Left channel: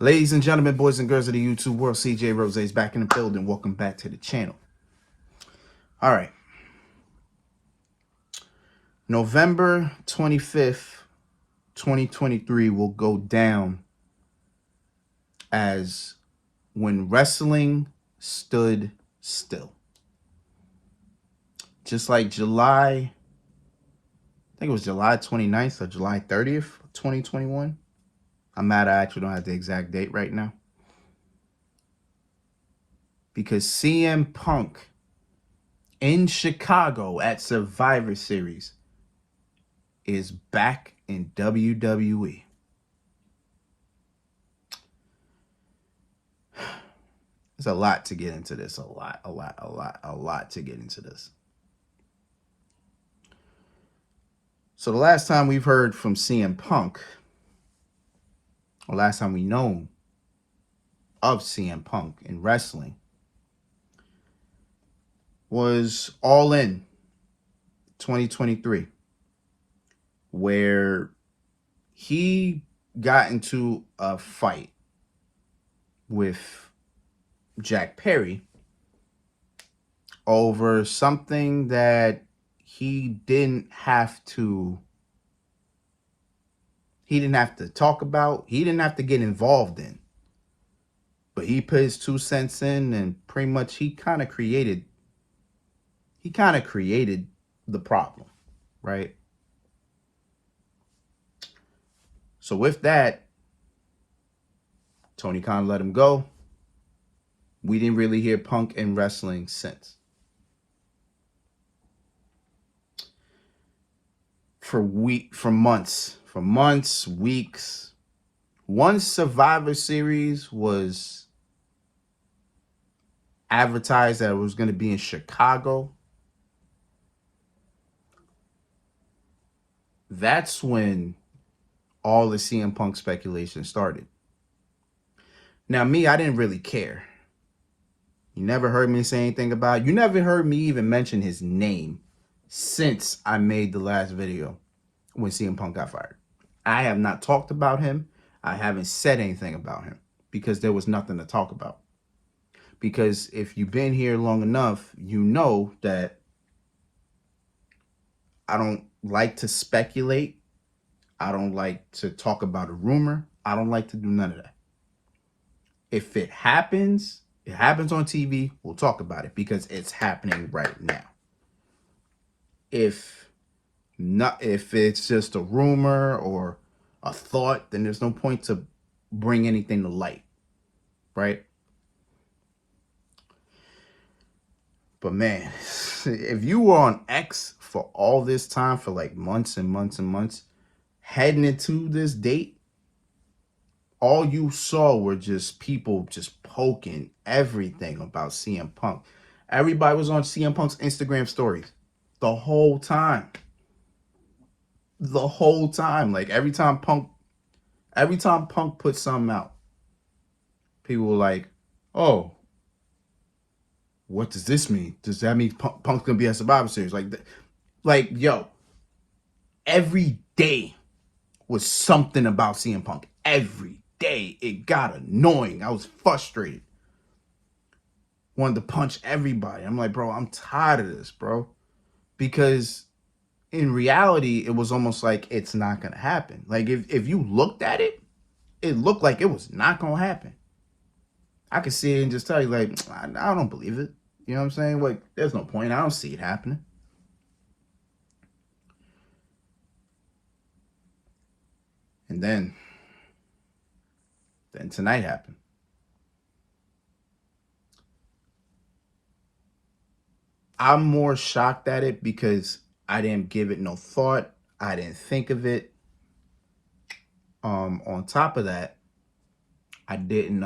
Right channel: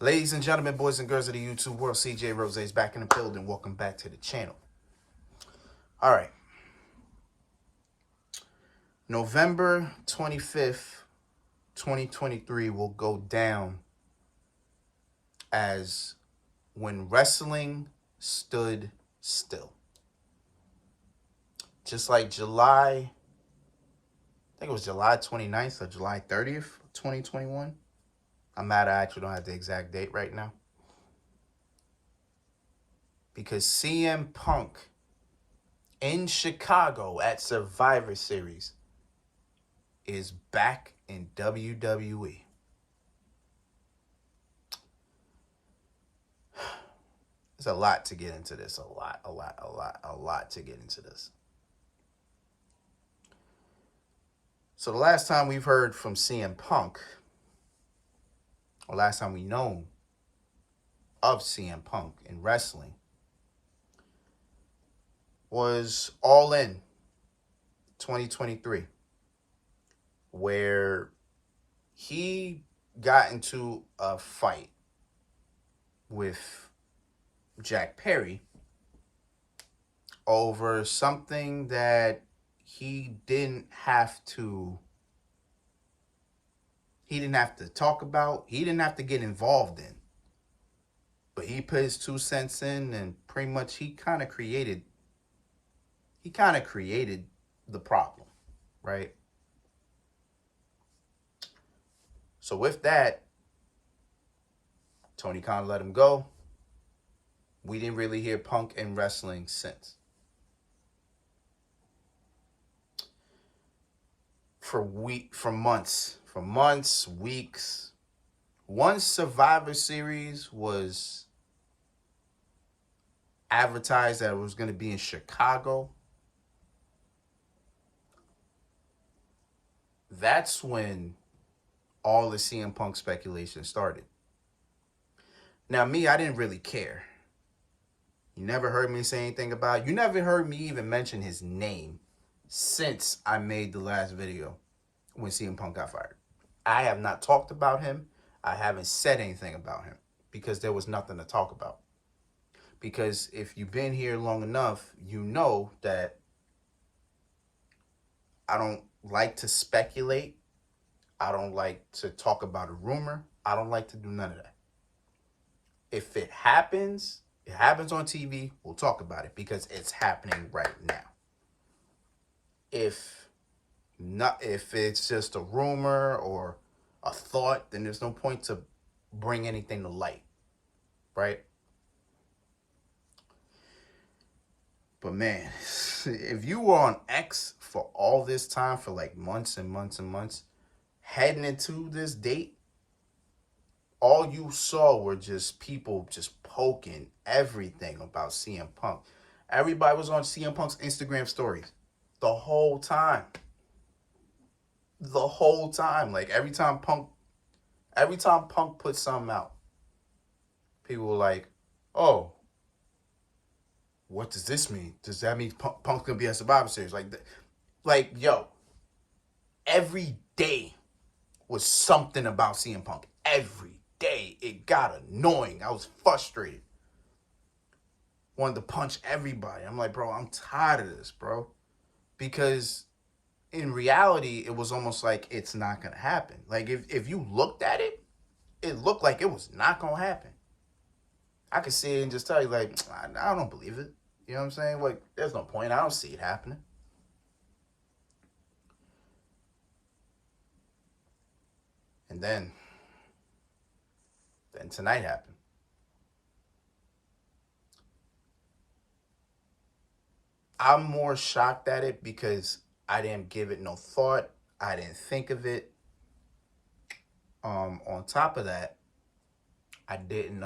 Ladies and gentlemen, boys and girls of the YouTube world, CJ Rose is back in the building. Welcome back to the channel. All right. November 25th, 2023 will go down as when wrestling stood still. Just like I think it was July 29th or July 30th, 2021. I'm mad I actually don't have the exact date right now. Because CM Punk in Chicago at Survivor Series is back in WWE. There's a lot to get into this. A lot to get into this. So the last time we've heard from CM Punk, or last time we know of CM Punk in wrestling, was All In 2023, where he got into a fight with Jack Perry over something that he didn't have to talk about. He didn't have to get involved in. But he put his 2 cents in, and pretty much he kind of created the problem, right? So with that, Tony Khan let him go. We didn't really hear Punk in wrestling since. For months, weeks. Once Survivor Series was advertised that it was going to be in Chicago, that's when all the CM Punk speculation started. Now, me, I didn't really care. You never heard me say anything about it. You never heard me even mention his name since I made the last video when CM Punk got fired. I have not talked about him. I haven't said anything about him because there was nothing to talk about. Because if you've been here long enough, you know that I don't like to speculate. I don't like to talk about a rumor. I don't like to do none of that. If it happens on TV, we'll talk about it because it's happening right now. If it's just a rumor or a thought, then there's no point to bring anything to light, right? But man, if you were on X for all this time, for like months and months and months, heading into this date, all you saw were just people just poking everything about CM Punk. Everybody was on CM Punk's Instagram stories the whole time. Like every time Punk put something out, people were like, "Oh, what does this mean? Does that mean Punk's gonna be at Survivor Series?" Like, yo, every day was something about CM Punk. Every day. It got annoying. I was frustrated. Wanted to punch everybody. I'm like, bro, I'm tired of this, bro. Because in reality, it was almost like it's not going to happen. Like, if you looked at it, it looked like it was not going to happen. I could see it and just tell you, like, I don't believe it. You know what I'm saying? Like, there's no point. I don't see it happening. And then tonight happened. I'm more shocked at it because I didn't give it no thought. I didn't think of it. On top of that, I didn't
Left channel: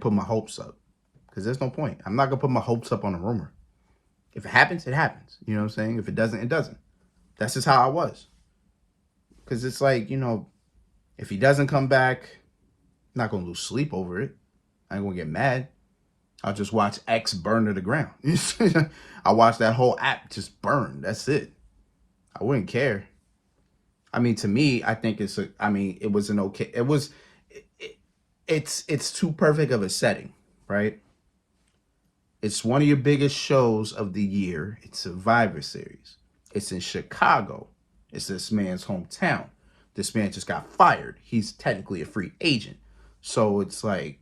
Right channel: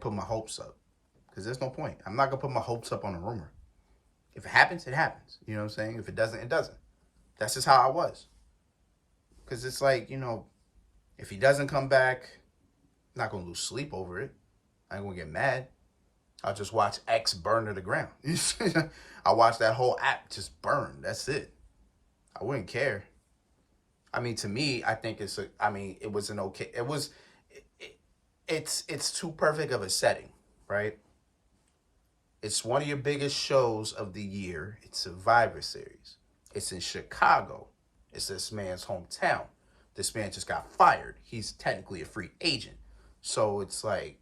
put my hopes up because there's no point. I'm not gonna put my hopes up on a rumor. If it happens, it happens. You know what I'm saying? If it doesn't, it doesn't. That's just how I was. Because it's like, you know, if he doesn't come back, I'm not gonna lose sleep over it. I ain't gonna get mad. I'll just watch X burn to the ground. I watch that whole app just burn. That's it. I wouldn't care. I mean, to me, I think it's a. I mean, it was an okay. It was. It, it's too perfect of a setting, right? It's one of your biggest shows of the year. It's Survivor Series. It's in Chicago. It's this man's hometown. This man just got fired. He's technically a free agent. So it's like,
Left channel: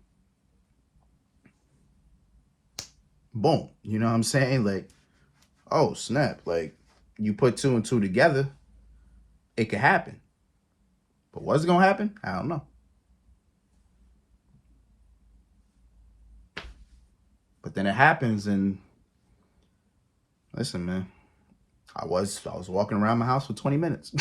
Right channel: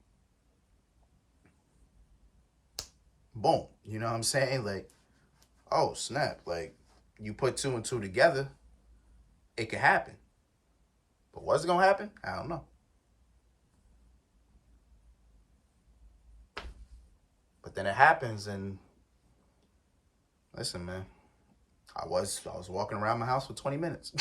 boom. You know what I'm saying? Like, oh, snap. Like, you put two and two together, it could happen. But what's going to happen? I don't know. But then it happens, and listen, man. I was walking around my house for 20 minutes.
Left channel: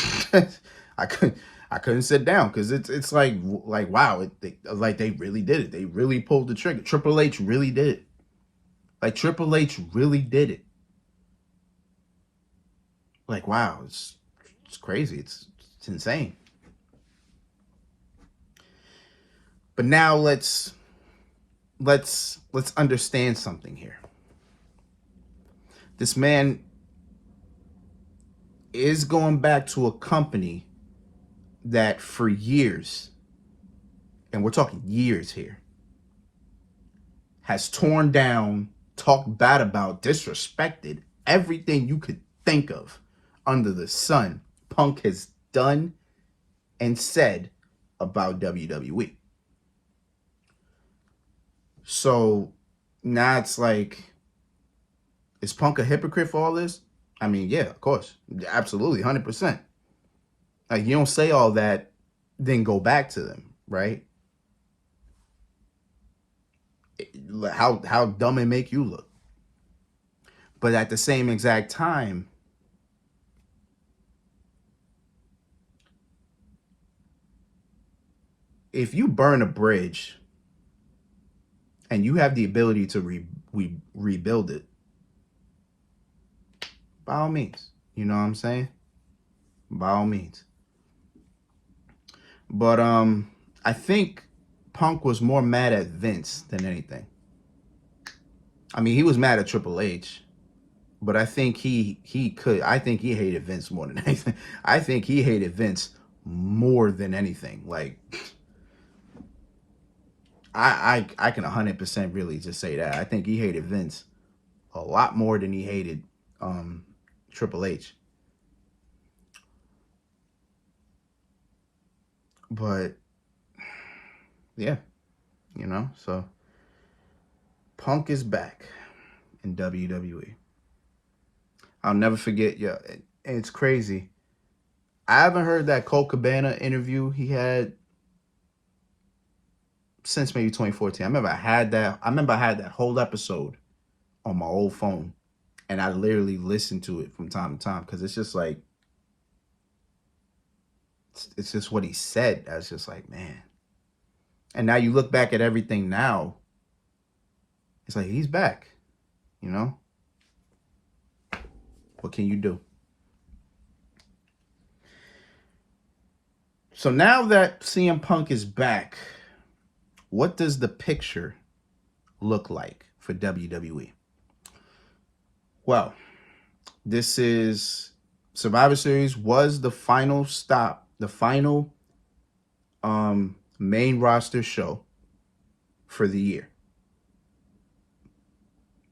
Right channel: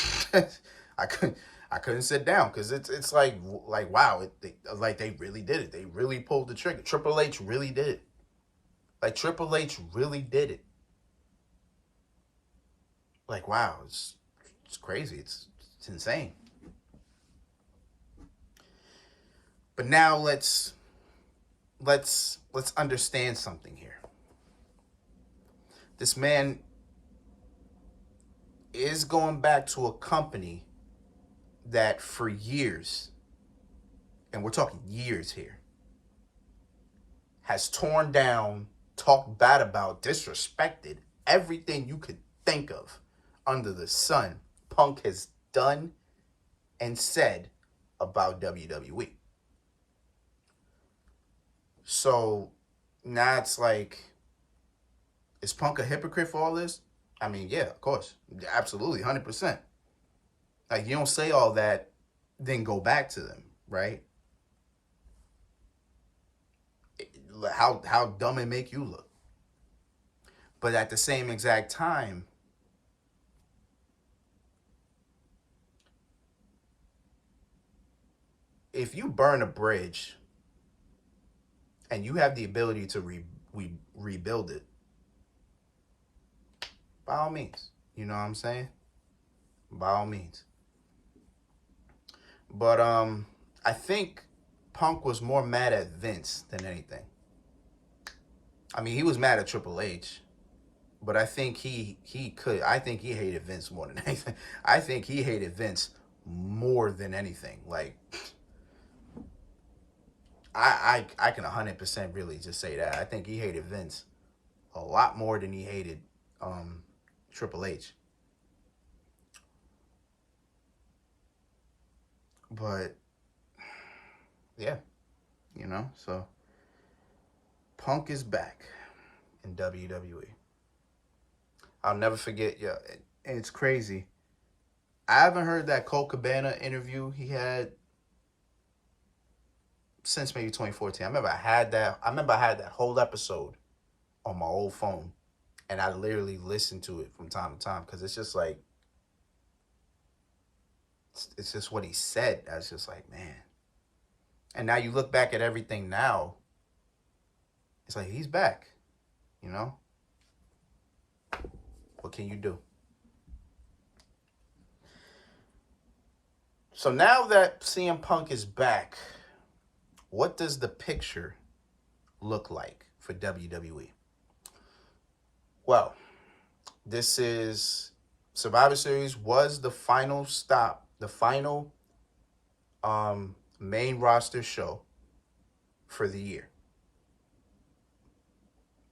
I couldn't sit down because it's like wow, like they really did it. They really pulled the trigger. Triple H really did it. Like Triple H really did it. Like wow, it's crazy. It's insane. But now let's understand something here. This man is going back to a company that for years, and we're talking years here, has torn down, talked bad about, disrespected everything you could think of under the sun. Punk has done and said about WWE. So now it's like, is Punk a hypocrite for all this? I mean, yeah, of course. Absolutely, 100%. Like, you don't say all that, then go back to them, right? How dumb it make you look. But at the same exact time, if you burn a bridge and you have the ability to rebuild it, by all means. You know what I'm saying? By all means. But I think Punk was more mad at Vince than anything. I mean, he was mad at Triple H, but I think he hated Vince more than anything. I think he hated Vince more than anything. Like, I can 100% really just say that. I think he hated Vince a lot more than he hated Triple H. But yeah, you know, so Punk is back in WWE. I'll never forget, yeah, it's crazy. I haven't heard that Colt Cabana interview he had since maybe 2014. I remember I had that whole episode on my old phone, and I literally listened to it from time to time because it's just like, it's just what he said. I was just like, man. And now you look back at everything now, it's like, he's back, you know? What can you do? So now that CM Punk is back, what does the picture look like for WWE? Well, this is Survivor Series was the final stop, the final main roster show for the year.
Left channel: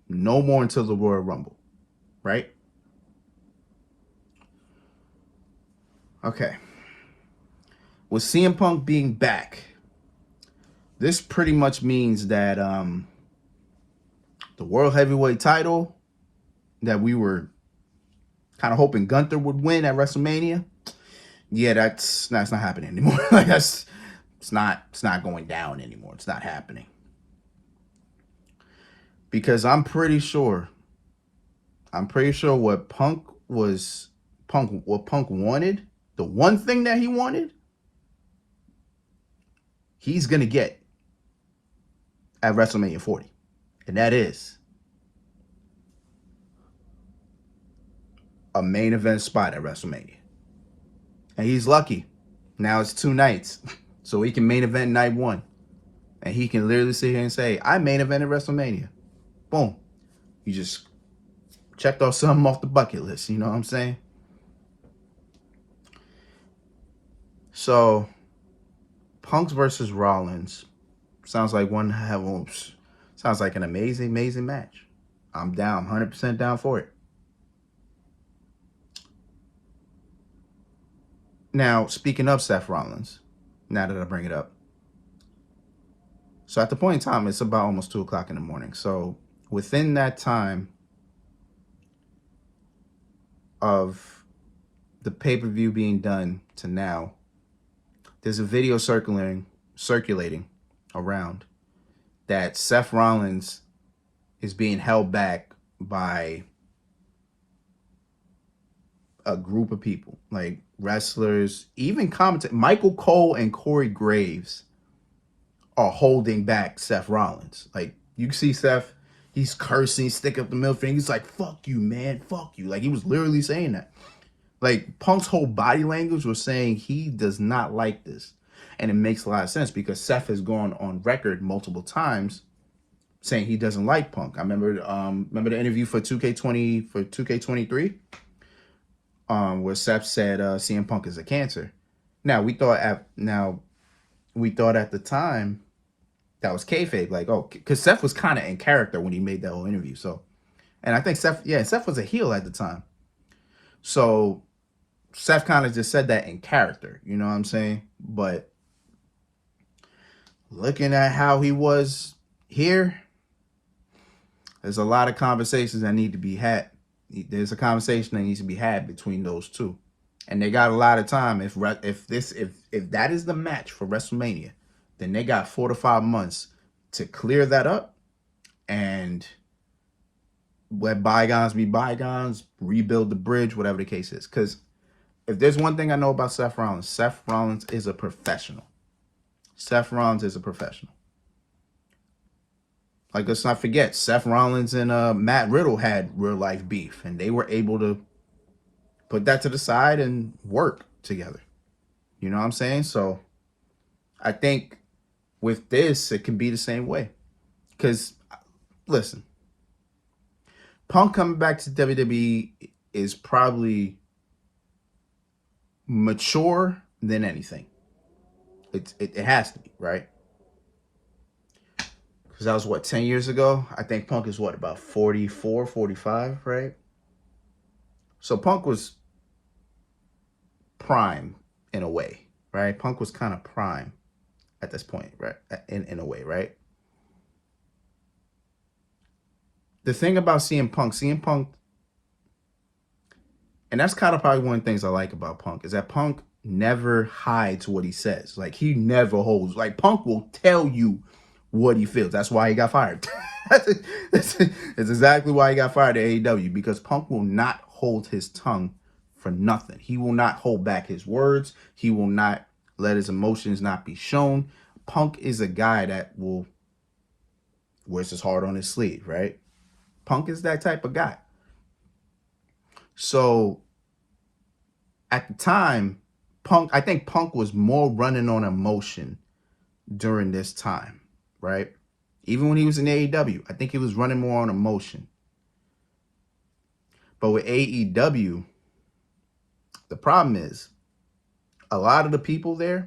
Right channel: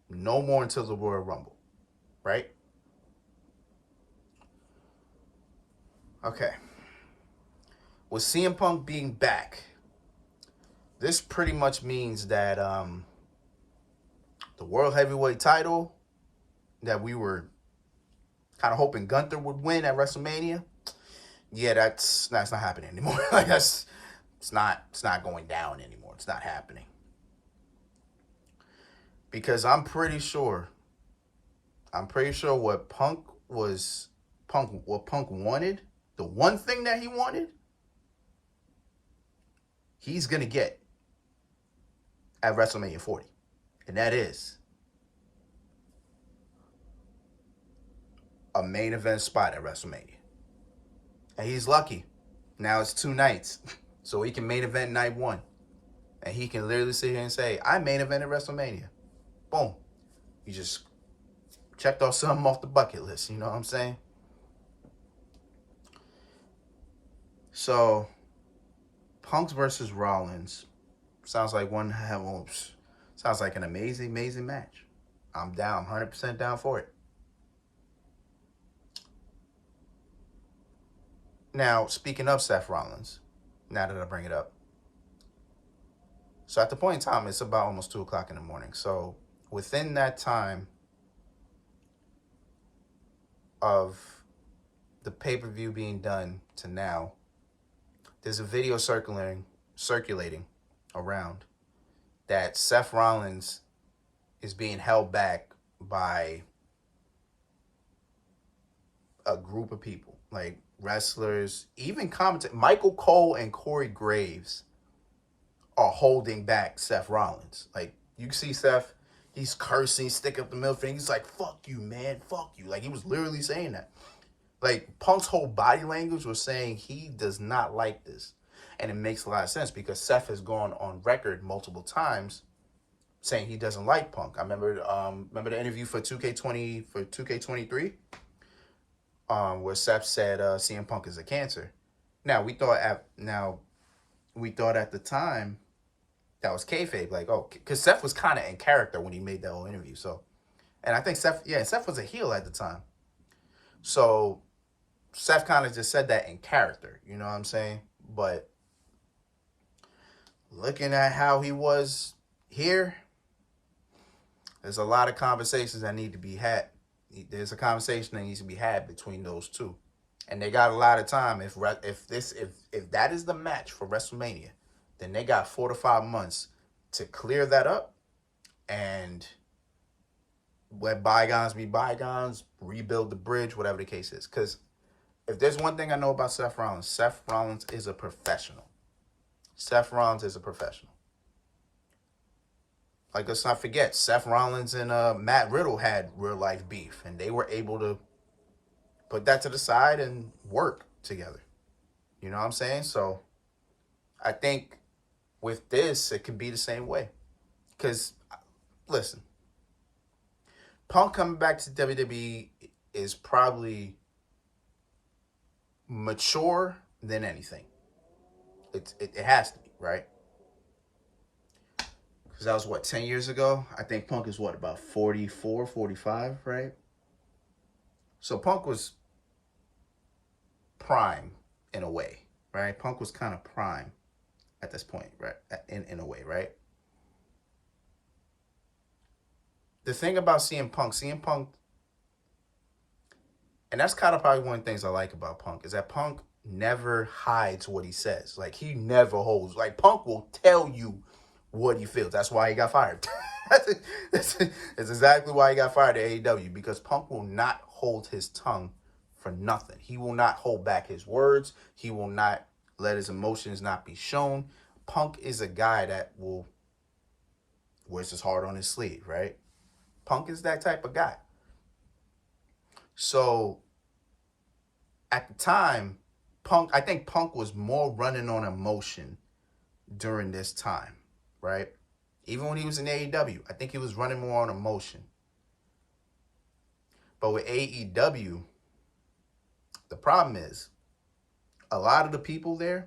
No more until the Royal Rumble, right? Okay. With CM Punk being back, this pretty much means that the World Heavyweight title that we were kind of hoping Gunther would win at WrestleMania, yeah, that's not happening anymore. Like it's not going down anymore. It's not happening. Because I'm pretty sure what Punk wanted, the one thing that he wanted, he's going to get at WrestleMania 40. And that is a main event spot at WrestleMania. And he's lucky. Now it's 2 nights. So he can main event night 1. And he can literally sit here and say, I main evented WrestleMania. Boom. You just checked off something off the bucket list. You know what I'm saying? So, Punk's versus Rollins sounds like sounds like an amazing, amazing match. I'm down, 100% down for it. Now, speaking of Seth Rollins, now that I bring it up, so at the point in time, it's about almost 2 o'clock in the morning. So within that time of the pay-per-view being done to now, there's a video circulating around that Seth Rollins is being held back by a group of people, like wrestlers, even commentators. Michael Cole and Corey Graves are holding back Seth Rollins. Like, you see Seth, he's cursing, sticking up the middle finger. He's like, fuck you, man, fuck you. Like, he was literally saying that. Like, Punk's whole body language was saying he does not like this. And it makes a lot of sense because Seth has gone on record multiple times saying he doesn't like Punk. I remember the interview for 2K23, where Seth said CM Punk is a cancer. Now we thought at the time that was kayfabe, like, oh, because Seth was kind of in character when he made that whole interview. So, and I think Seth was a heel at the time. So Seth kind of just said that in character, you know what I'm saying? But looking at how he was here, there's a lot of conversations that need to be had. There's a conversation that needs to be had between those two, and they got a lot of time. If that is the match for WrestleMania, then they got 4 to 5 months to clear that up and let bygones be bygones, rebuild the bridge, whatever the case is. Because if there's one thing I know about Seth Rollins is a professional. Seth Rollins is a professional. Like, let's not forget, Seth Rollins and Matt Riddle had real life beef, and they were able to put that to the side and work together. You know what I'm saying? So I think with this, it can be the same way. Because, listen, Punk coming back to WWE is probably mature than anything. It has to be, right? Because that was, 10 years ago? I think Punk is, about 44, 45, right? So Punk was prime in a way, right? Punk was kind of prime at this point, right? In a way, right? The thing about CM Punk, and that's kind of probably one of the things I like about Punk, is that Punk never hides what he says. Like, he never holds. Like, Punk will tell you what he feels. That's why he got fired. That's exactly why he got fired at AEW, because Punk will not hold his tongue for nothing. He will not hold back his words. He will not let his emotions not be shown. Punk is a guy that will wears his heart on his sleeve, right? Punk is that type of guy. So at the time, I think Punk was more running on emotion during this time, right? Even when he was in AEW, I think he was running more on emotion. But with AEW, the problem is a lot of the people there's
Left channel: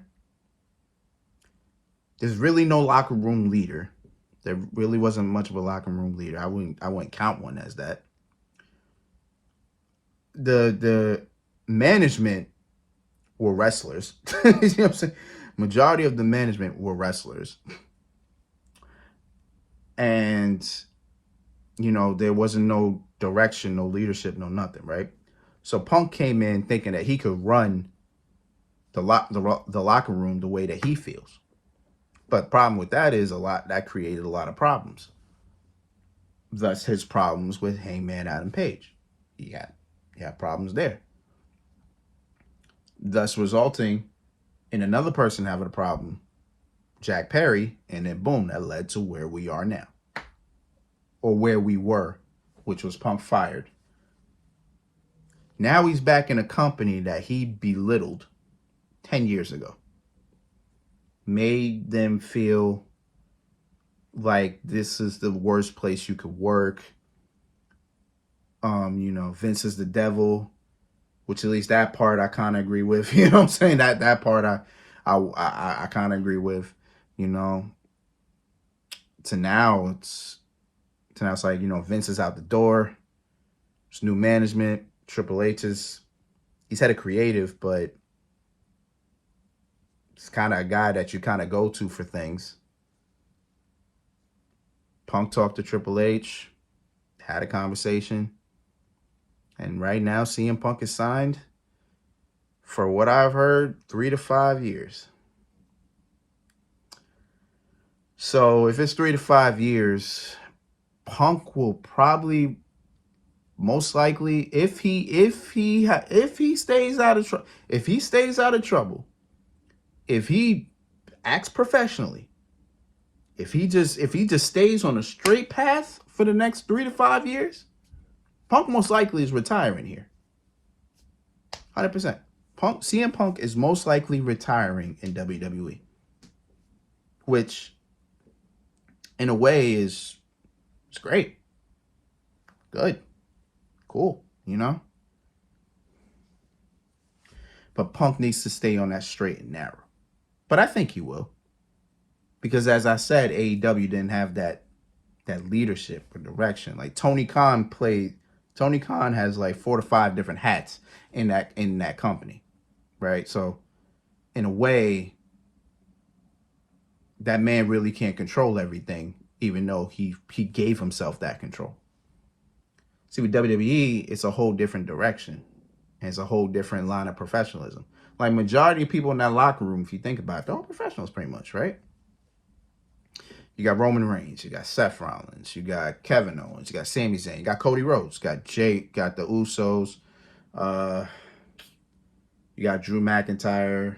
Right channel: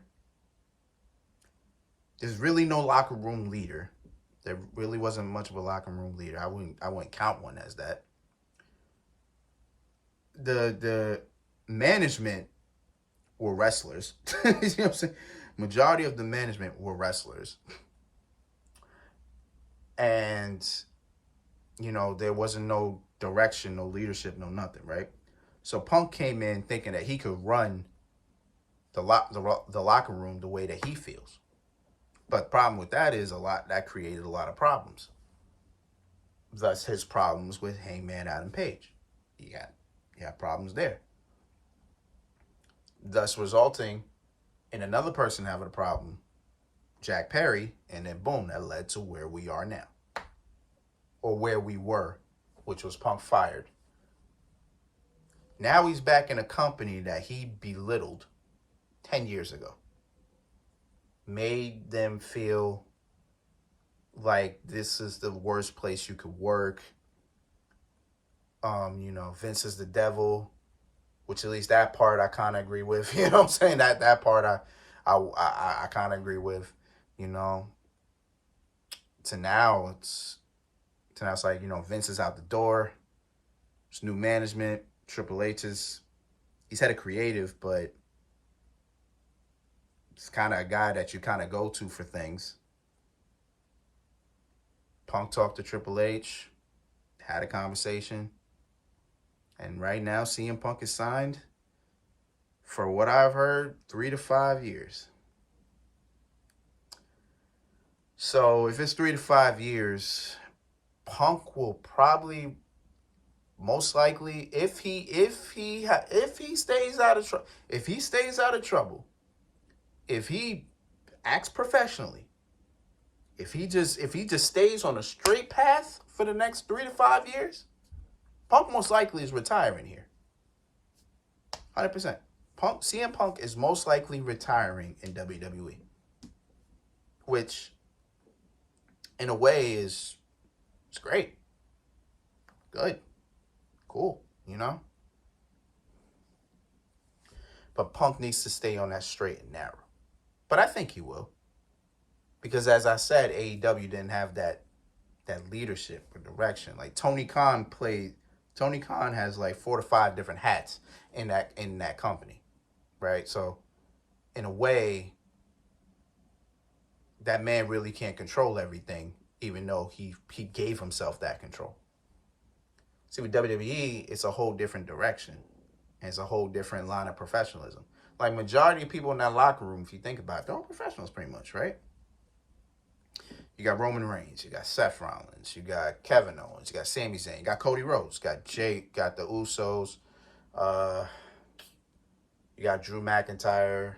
really no locker room leader. There really wasn't much of a locker room leader. I wouldn't count one as that. The management were wrestlers. You know what I'm saying? Majority of the management were wrestlers. And, there wasn't no direction, no leadership, no nothing, right? So Punk came in thinking that he could run the locker room the way that he feels. But the problem with that is that created a lot of problems. Thus his problems with Hangman Adam Page. He had problems there. Thus resulting in another person having a problem, Jack Perry, and then boom, that led to where we are now. Or where we were, which was Punk fired. Now he's back in a company that he belittled 10 years ago. Made them feel like this is the worst place you could work. Vince is the devil, which at least that part I kind of agree with. You know what I'm saying? That part I kind of agree with, you know, to now it's like, you know, Vince is out the door. It's new management. Triple H is he's had a creative, but it's kind of a guy that you kind of go to for things. Punk talked to Triple H, had a conversation, and right now CM Punk is signed for what I've heard 3 to 5 years. So if it's 3 to 5 years, Punk will probably most likely if he stays out of trouble, if he acts professionally, if he just stays on a straight path for the next 3 to 5 years, Punk most likely is retiring here. 100%. CM Punk is most likely retiring in WWE, which in a way it's great. Good. Cool, you know? But Punk needs to stay on that straight and narrow. But I think he will. Because as I said, AEW didn't have that leadership or direction. Like Tony Khan has like 4 to 5 different hats in that company. Right? So in a way, that man really can't control everything, even though he gave himself that control. See, with WWE, it's a whole different direction. It's a whole different line of professionalism. Like majority of people in that locker room, if you think about it, they're all professionals pretty much, right? You got Roman Reigns, you got Seth Rollins, you got Kevin Owens, you got Sami Zayn, you got Cody Rhodes, you got Jake, got the Usos, you got Drew McIntyre,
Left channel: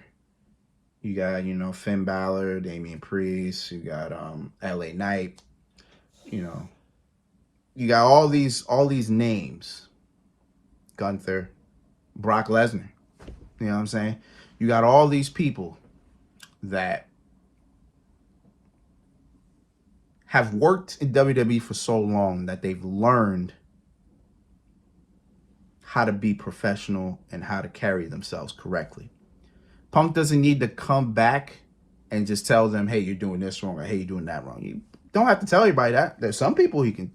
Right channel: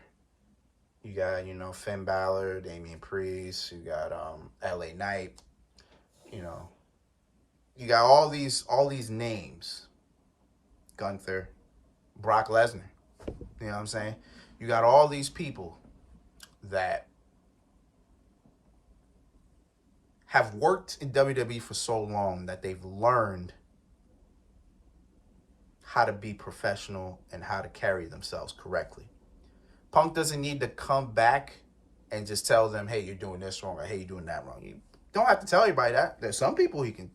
you got, you know, Finn Balor, Damian Priest, you got LA Knight, you know. You got all these names. Gunther, Brock Lesnar. You know what I'm saying? You got all these people that have worked in WWE for so long that they've learned how to be professional and how to carry themselves correctly. Punk doesn't need to come back and just tell them, hey, you're doing this wrong, or hey, you're doing that wrong. You don't have to tell everybody that. There's some people he can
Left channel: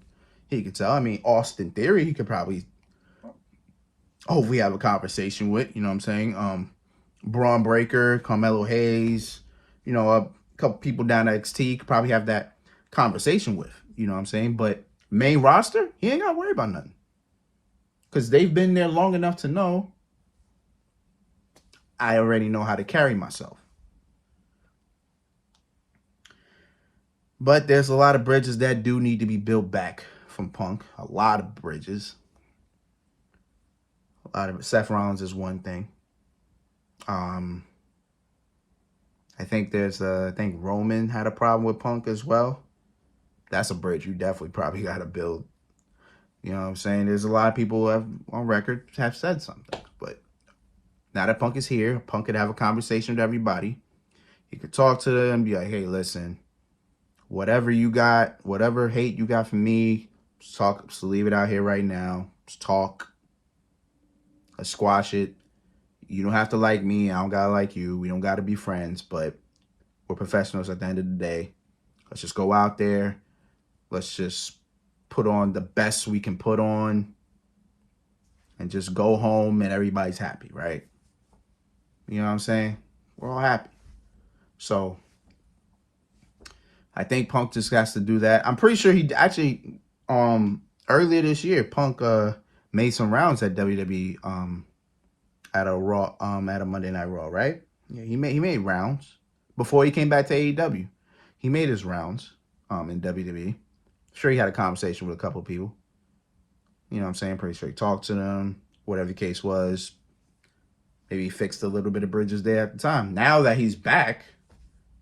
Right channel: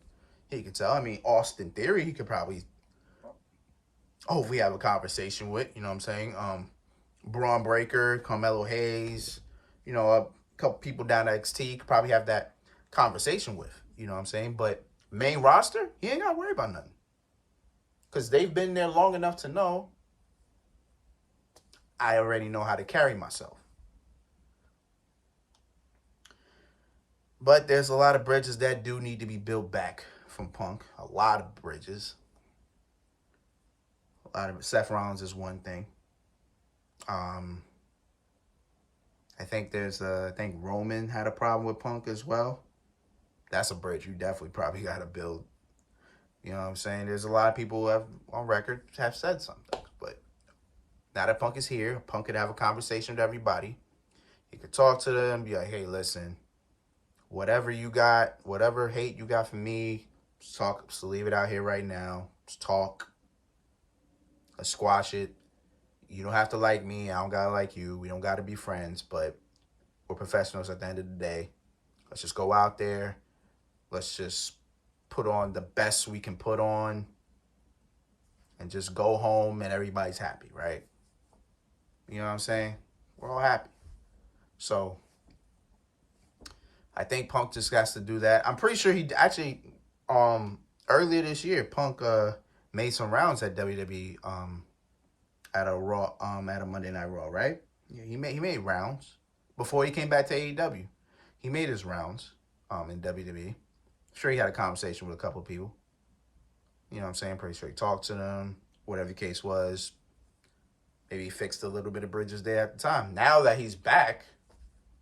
tell. I mean, Austin Theory, he could probably we have a conversation with, you know what I'm saying? Braun Breaker, Carmelo Hayes, you know, a couple people down at XT could probably have that conversation with, you know what I'm saying? But main roster, he ain't got to worry about nothing. Because they've been there long enough to know I already know how to carry myself. But there's a lot of bridges that do need to be built back from Punk. A lot of bridges. A lot of Seth Rollins is one thing. I think Roman had a problem with Punk as well. That's a bridge you definitely probably got to build. You know what I'm saying? There's a lot of people who have on record have said something. But now that Punk is here, Punk could have a conversation with everybody. He could talk to them, be like, hey, listen, whatever you got, whatever hate you got from me, just leave it out here right now. Just talk. Let's squash it. You don't have to like me. I don't got to like you. We don't got to be friends, but we're professionals at the end of the day. Let's just go out there. Let's just put on the best we can put on and just go home and everybody's happy, right? You know what I'm saying? We're all happy. So I think Punk just has to do that. I'm pretty sure he actually earlier this year, Punk made some rounds at WWE at a Raw at a Monday Night Raw, right? Yeah, he made rounds before he came back to AEW. He made his rounds in WWE. Sure, he had a conversation with a couple of people. You know what I'm saying? Pretty sure he talked to them, whatever the case was. Maybe he fixed a little bit of bridges there at the time. Now that he's back,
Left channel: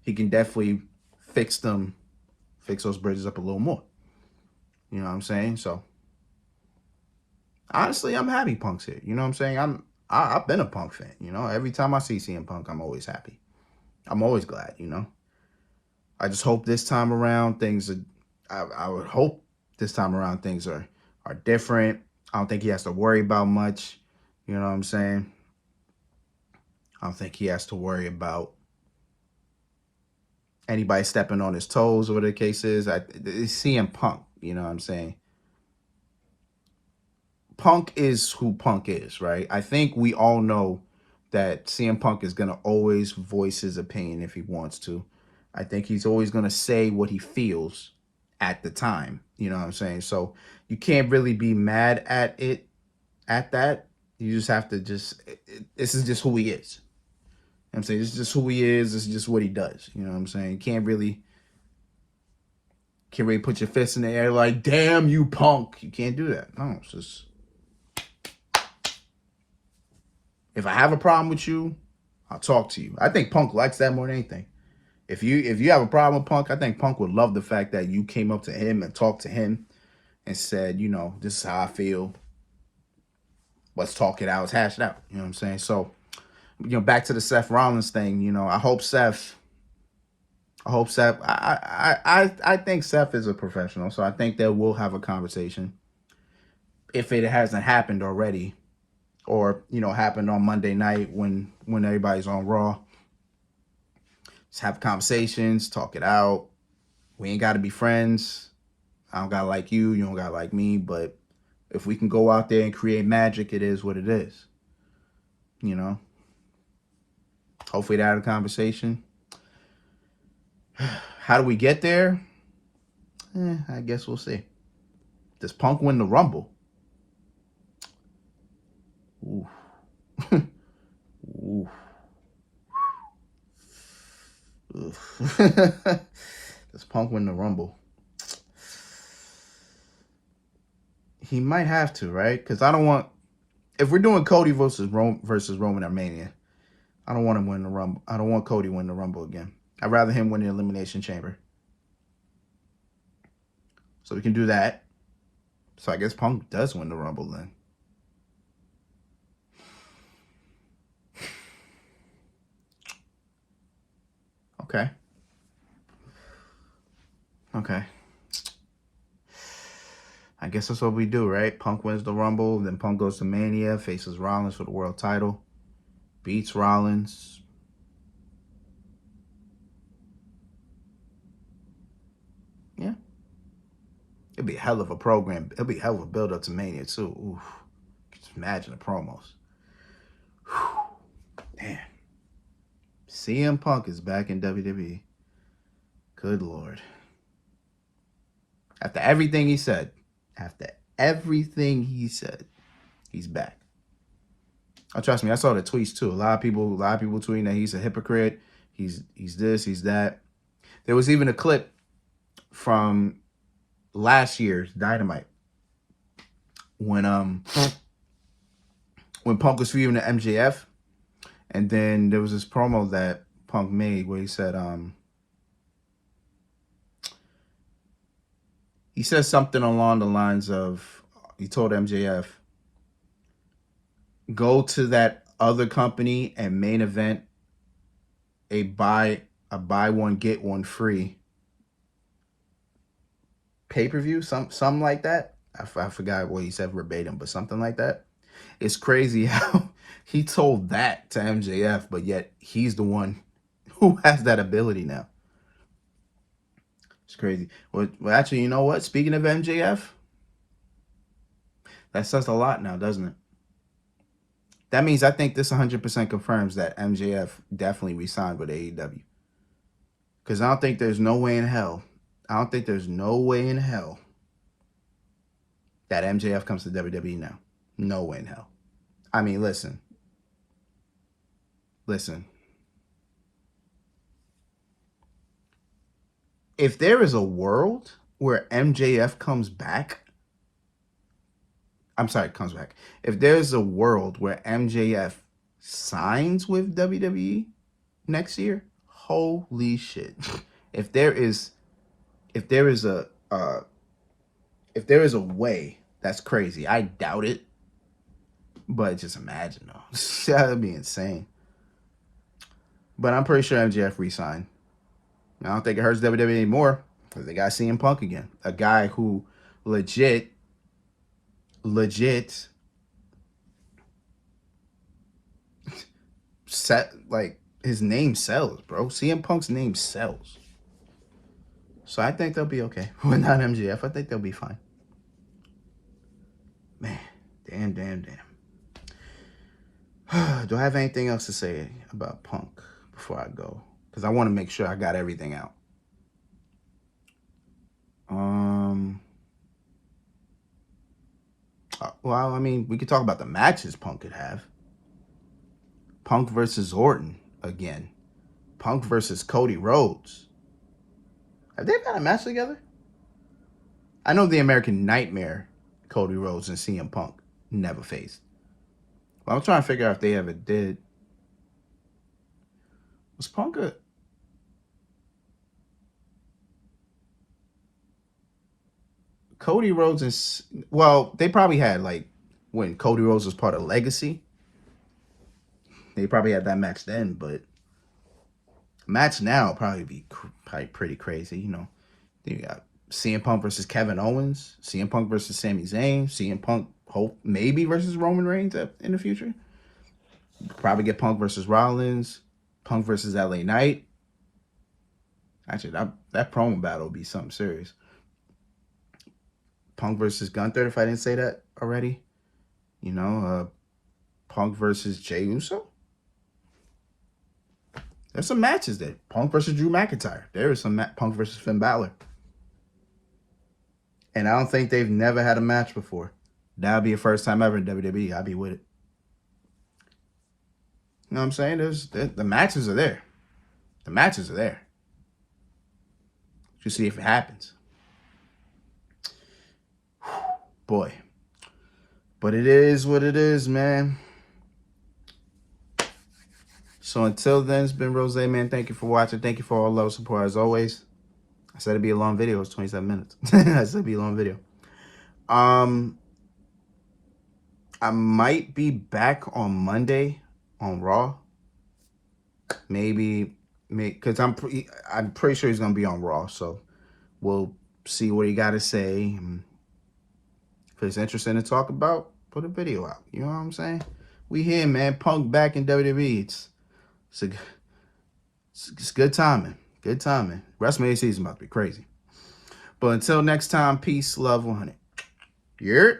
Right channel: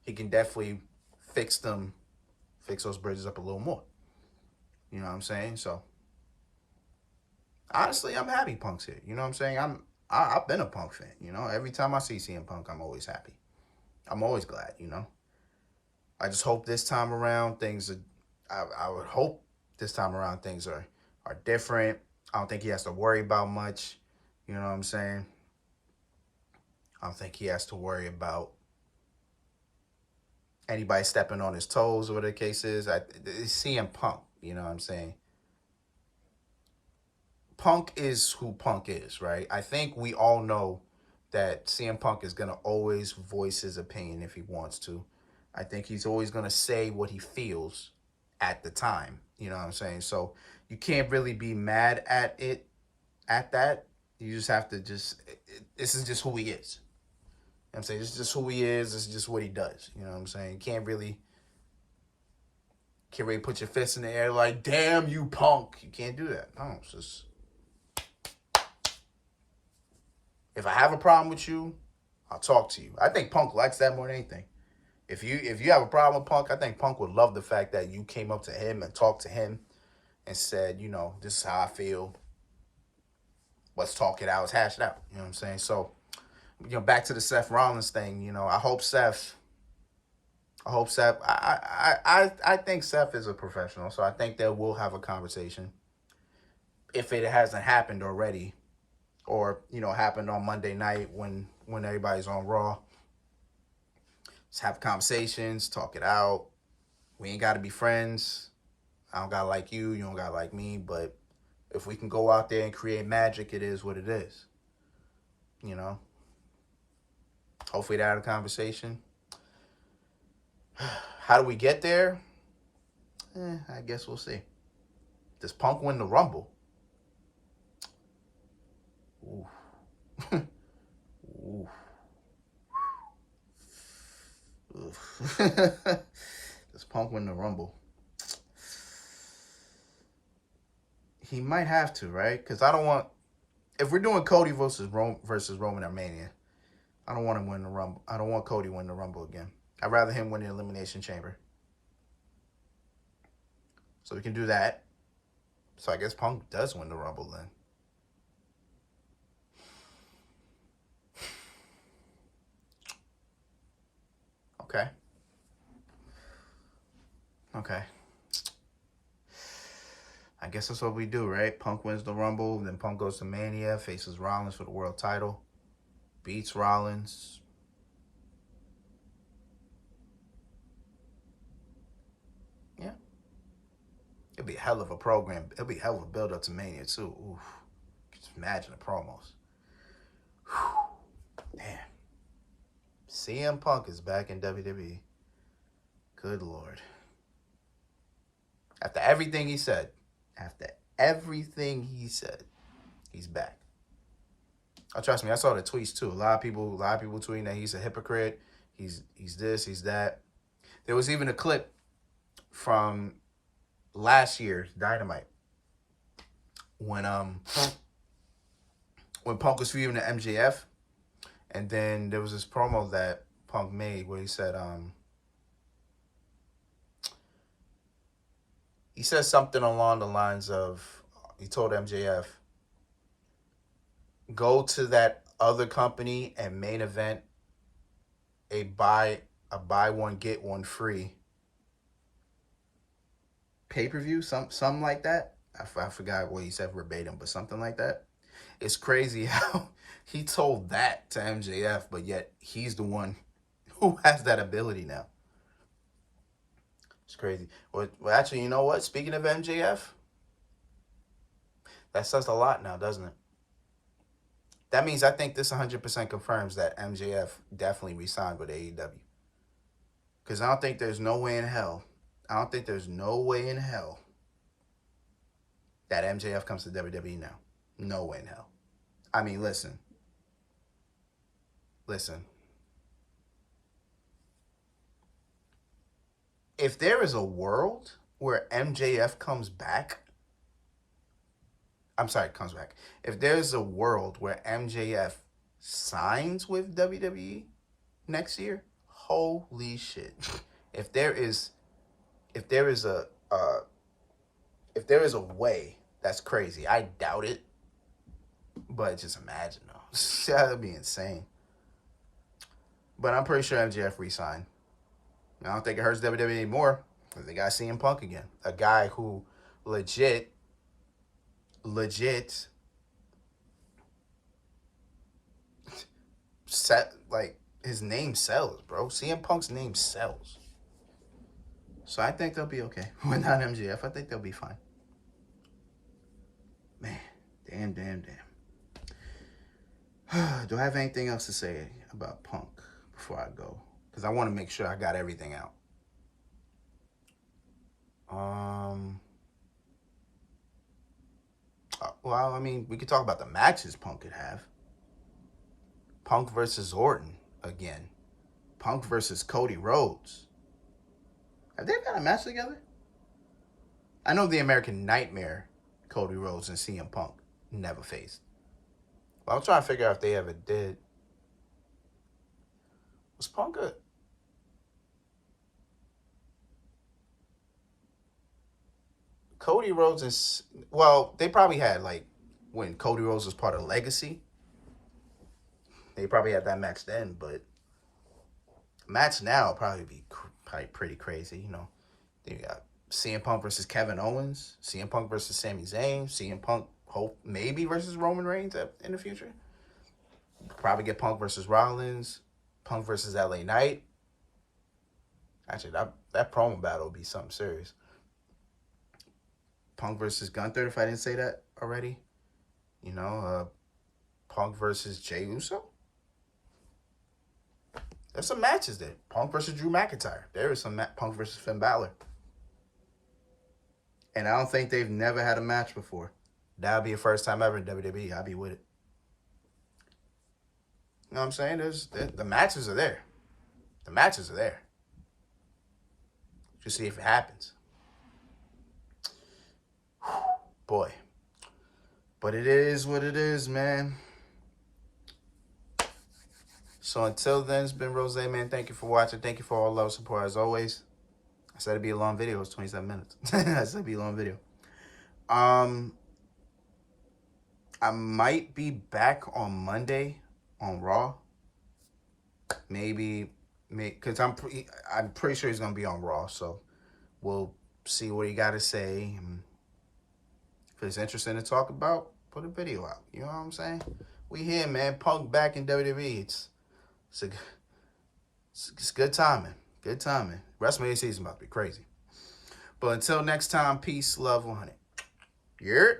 he can definitely fix those bridges up a little more. You know what I'm saying? So, honestly, I'm happy Punk's here. You know what I'm saying? I've been a Punk fan. You know, every time I see CM Punk, I'm always happy. I'm always glad. You know, I just hope this time around things are. I would hope this time around things are different. I don't think he has to worry about much. You know what I'm saying? I don't think he has to worry about anybody stepping on his toes or whatever the case is. It's CM Punk. You know what I'm saying? Punk is who Punk is, right? I think we all know that CM Punk is going to always voice his opinion if he wants to. I think he's always going to say what he feels at the time. You know what I'm saying? So you can't really be mad at it, at that. You just have to this is just who he is. I'm saying this is just who he is. This is just what he does. You know what I'm saying? You can't really put your fist in the air like, damn you Punk. You can't do that. No, it's just, if I have a problem with you, I'll talk to you. I think Punk likes that more than anything. If you have a problem with Punk, I think Punk would love the fact that you came up to him and talked to him and said, you know, this is how I feel. Let's talk it out. Let's hash it out. You know what I'm saying? So, you know, back to the Seth Rollins thing. You know, I hope Seth. I think Seth is a professional, so I think that we'll have a conversation if it hasn't happened already, or you know, happened on Monday night when everybody's on Raw. Let's have conversations, talk it out. We ain't got to be friends. I don't gotta like you. You don't gotta like me. But if we can go out there and create magic, it is what it is. You know. Hopefully, that had a conversation. How do we get there? I guess we'll see. Does Punk win the Rumble? Ooh. Ooh. Does Punk win the Rumble? He might have to, right? Because I don't want, if we're doing Cody versus Roman at Mania, I don't want him win the Rumble. I don't want Cody win the Rumble again. I'd rather him win the Elimination Chamber. So we can do that. So I guess Punk does win the Rumble then. Okay. I guess that's what we do, right? Punk wins the Rumble, then Punk goes to Mania, faces Rollins for the world title, beats Rollins. Yeah. It'd be a hell of a program. It'd be a hell of a build-up to Mania, too. Oof. Just imagine the promos. Whew. Man. CM Punk is back in WWE. Good Lord. After everything he said, he's back. Oh, trust me, I saw the tweets too. A lot of people tweeting that he's a hypocrite. He's this, he's that. There was even a clip from last year's Dynamite when Punk was feuding to MJF, and then there was this promo that Punk made where he said he said something along the lines of, he told MJF, go to that other company and main event a buy one get one free pay-per-view, something like that. I forgot what he said verbatim, but something like that. It's crazy how he told that to MJF, but yet he's the one who has that ability now. It's crazy. Well, actually, you know what? Speaking of MJF, that says a lot now, doesn't it? That means I think this 100% confirms that MJF definitely re-signed with AEW. Because I don't think there's no way in hell that MJF comes to WWE now. No way in hell. I mean, listen. If there is a world where MJF comes back, if there's a world where MJF signs with WWE next year, holy shit. If there is a way, that's crazy. I doubt it. But just imagine though. That'd be insane. But I'm pretty sure MJF re-signed. I don't think it hurts WWE anymore because they got CM Punk again. A guy who legit set, like, his name sells, bro. CM Punk's name sells. So I think they'll be okay. Without MJF, I think they'll be fine. Man, damn. Do I have anything else to say about Punk before I go? Because I want to make sure I got everything out. Well, I mean, we could talk about the matches Punk could have. Punk versus Orton again. Punk versus Cody Rhodes. Have they ever had a match together? I know the American Nightmare, Cody Rhodes and CM Punk, never faced. But I'm trying to figure out if they ever did. Was Punk a... Cody Rhodes and... Well, they probably had, like, when Cody Rhodes was part of Legacy. They probably had that match then, but... match now probably be pretty crazy, you know. You got CM Punk versus Kevin Owens, CM Punk versus Sami Zayn, CM Punk maybe versus Roman Reigns in the future. Probably get Punk versus Rollins, Punk versus LA Knight. Actually, that promo battle will be something serious. Punk versus Gunther, if I didn't say that already. You know, Punk versus Jey Uso. There's some matches there. Punk versus Drew McIntyre. There is some Punk versus Finn Balor. And I don't think they've never had a match before. That'll be the first time ever in WWE. I'll be with it. You know what I'm saying? The matches are there. The matches are there. Just see if it happens. Boy. But it is what it is, man. So until then, it's been Rose, man. Thank you for watching. Thank you for all love, support, as always. I said it'd be a long video. It's 27 minutes. I said it'd be a long video. I might be back on Monday on Raw. Maybe, because I'm pretty sure he's gonna be on Raw. So we'll see what he got to say. If it's interesting to talk about, put a video out. You know what I'm saying? We here, man. Punk back in WWE. It's good timing. Good timing. WrestleMania season about to be crazy. But until next time, peace, love, 100. Yeah.